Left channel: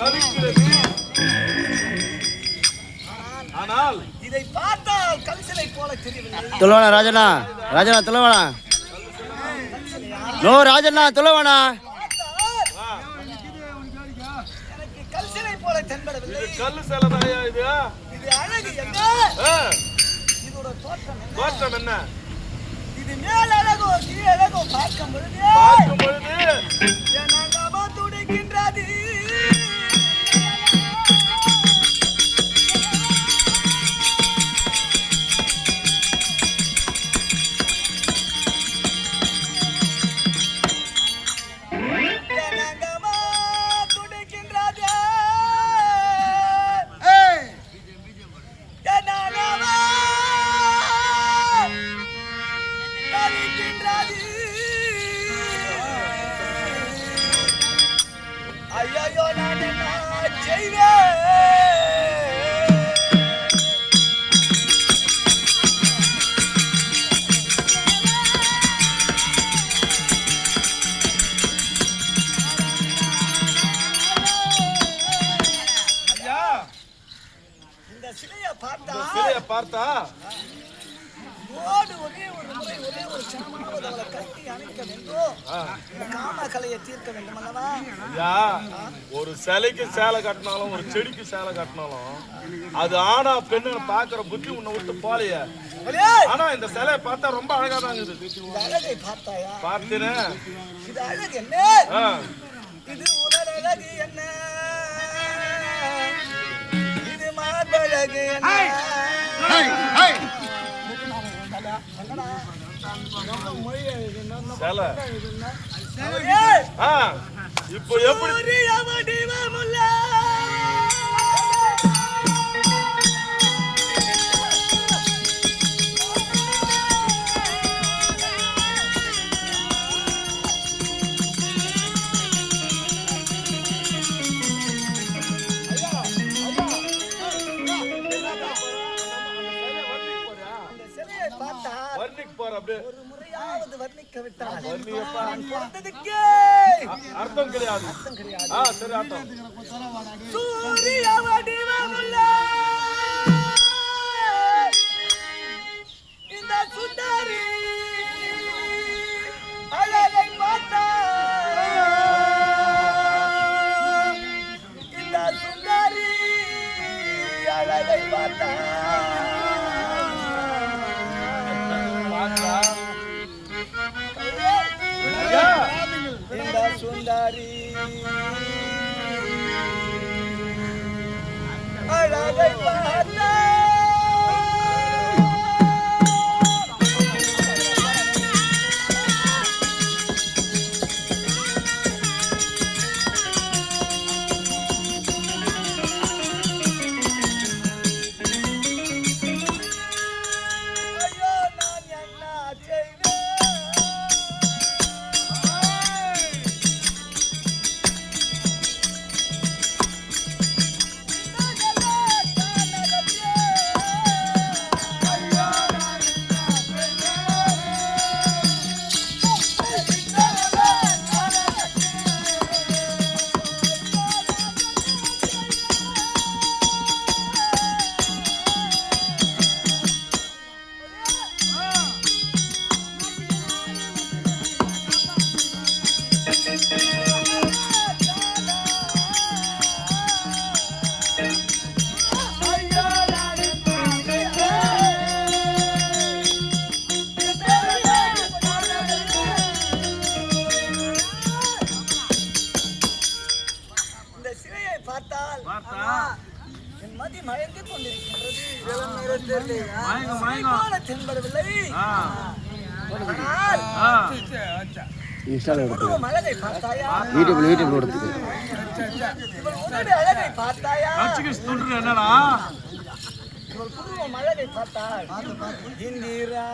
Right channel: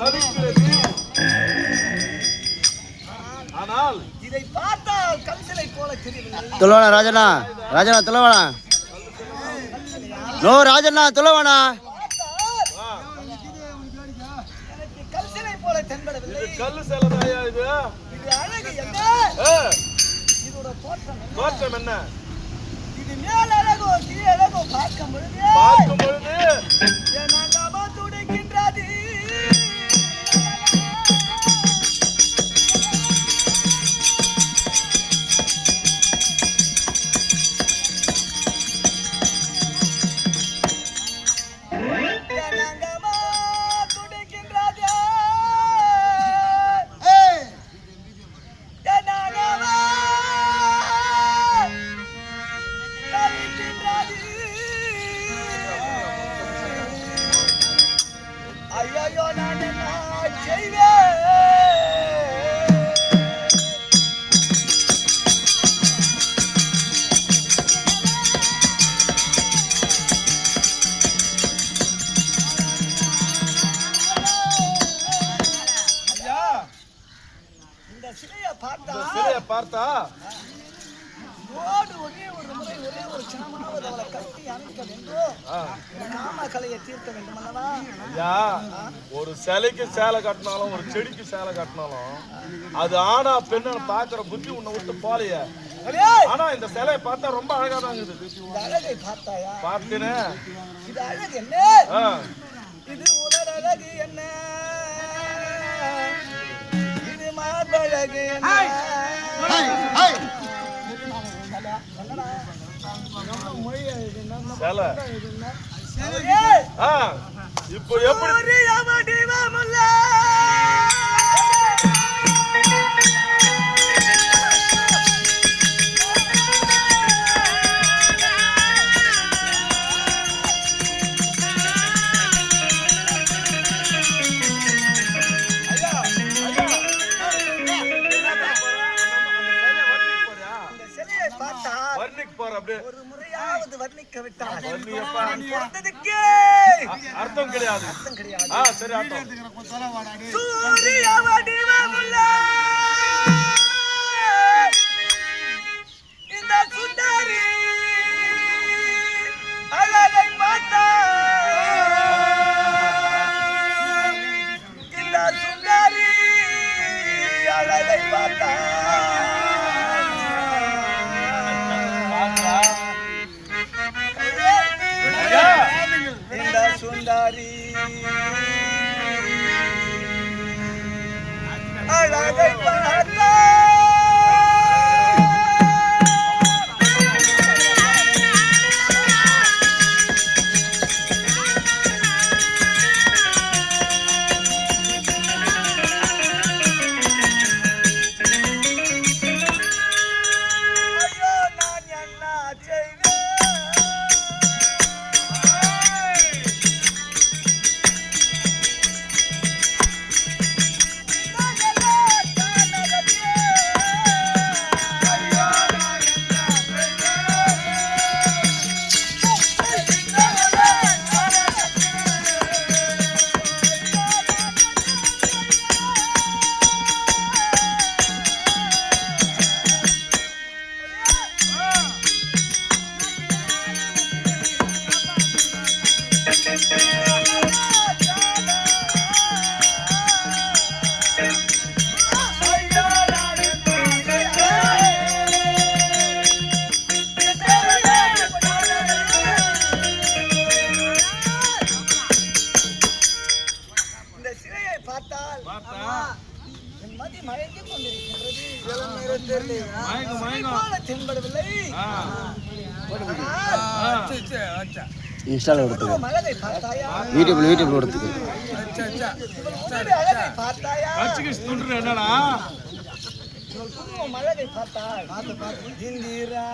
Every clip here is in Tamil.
தவிக்கிறது. ஆனால் இதை பார்த்தால் கல்சிலை போல தெரியவில்லை. துளவானா ராஜனா, ராஜனா துளவானா, நோ ராஜனா துளவானா. எனக்கு கல்சிலை போல தென்படவில்லை. கல்லு சிலைதாயா இது? இது அழகு என்ன? இதோட தோற்றம் என்ன? தோற்றம் என்ன? இது மேல் அழகோ கீழ் அழகோ பார்க்கும் பொழுது என் அங்கமா துடிக்கின்றது. ஐயோ நான் என்ன செய்வேன்? இந்த சிலையை பார்த்தா ஒரே ஒரு முறை ஒரே ஒரு சாமாவது அவளை கட்டி அணைக்க வேண்டும். காம கலையை தீர்க்க வேண்டும் அல்லவா? ஐயா, ஒரு சிலைக்கு சேலை கட்டினாலும் ஒரு செடிக்கு சேலை கட்டினாலும் அது ஆனா பெண்ணு பாக்குற புத்தி உன்னை விட்டு போலையே. ஆனா இந்த சிலையை பார்த்தா ரொம்ப அழகா தான் இருக்குது. இந்த அழகை பார்த்தாயா? பார்த்தேனே. இது அழகு என்ன? இது உடல் அழகு என்ன? இது மாதழகு என்ன? இப்போ எப்படி ஒரு முறையாவது வர்ணிக்க விட்டால் அர்த்தம் கிடையாது. சரி, அர்த்தம் சூரிய வடிவமுள்ள இந்த சுந்தரி அழகை பார்த்தா, இந்த சுந்தரி அழகை பார்த்தா சுந்தரி அழகை பார்த்தா தென்படவில்லை. இன்ஸ்டால எடுத்து அழகை பார்த்தாயா? யூடியூப்ல எடுத்துக்கு. இவள் உன்னுடைய அழகை பார்த்தாயா? என்னடா இவள் புருவம் அழகை பார்த்தாள். இந்திரா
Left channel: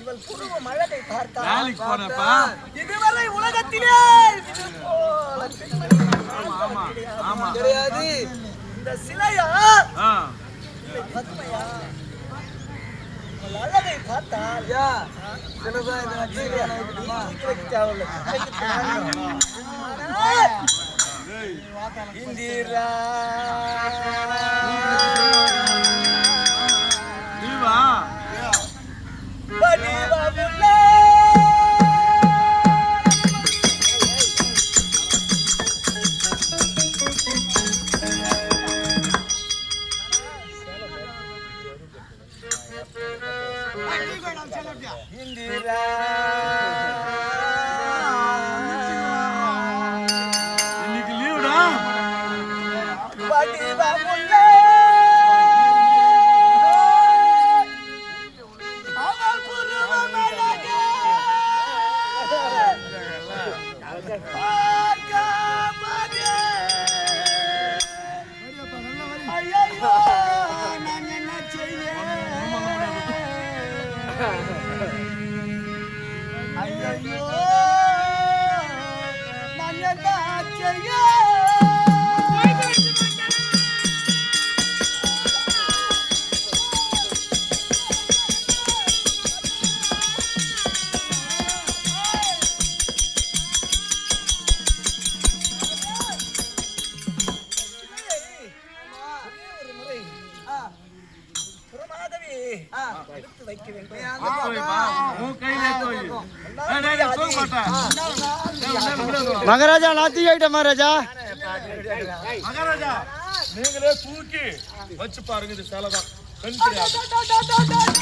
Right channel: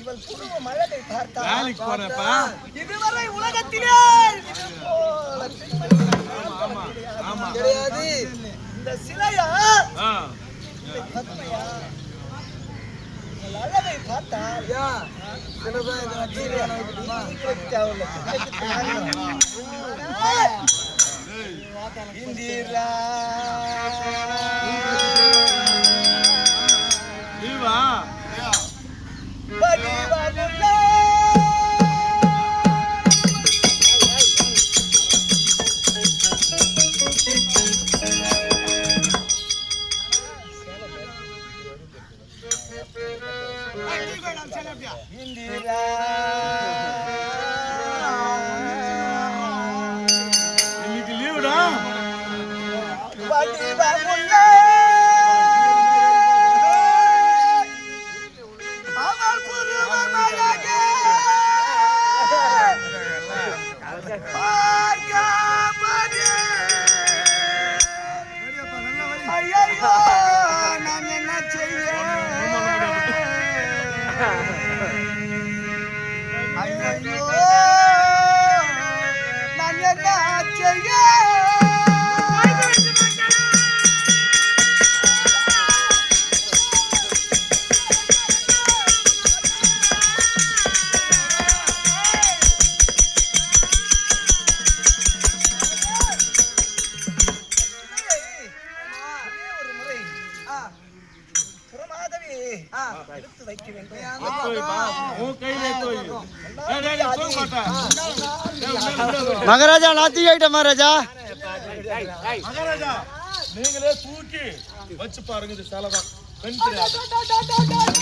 இவள் புருவம் அழகை பார்த்தாள். இதுவரை உலகத்திலே இது போல கிடையாது. இந்த சிலையா இல்லை பத்மையா? அழகை பார்த்தா ஐயா சிலதான் இதை வச்சு வைக்கணுமா தேவையில்ல இந்திரா வடிவமுள்ள இந்திரா இன்னைக்கு லீவுடா. வடிவமுள்ள அவள் புருவமழகே பார்க்கப்பதே ஐயோ நான் என்ன செய்ய ஐயோ நான் என்ன செய்ய எடுத்து வைக்க வேண்டும் உன் கையில எடுத்து வை. டேய், டேய், தூக்க மாட்டேன். மகாராஜா நான் தூக்கி ஆயிட்டேன் மகாராஜா. மகாராஜா நீங்களே தூக்கி வச்சு பாருங்க. இது சேலை தான் பெண் கிடையாது.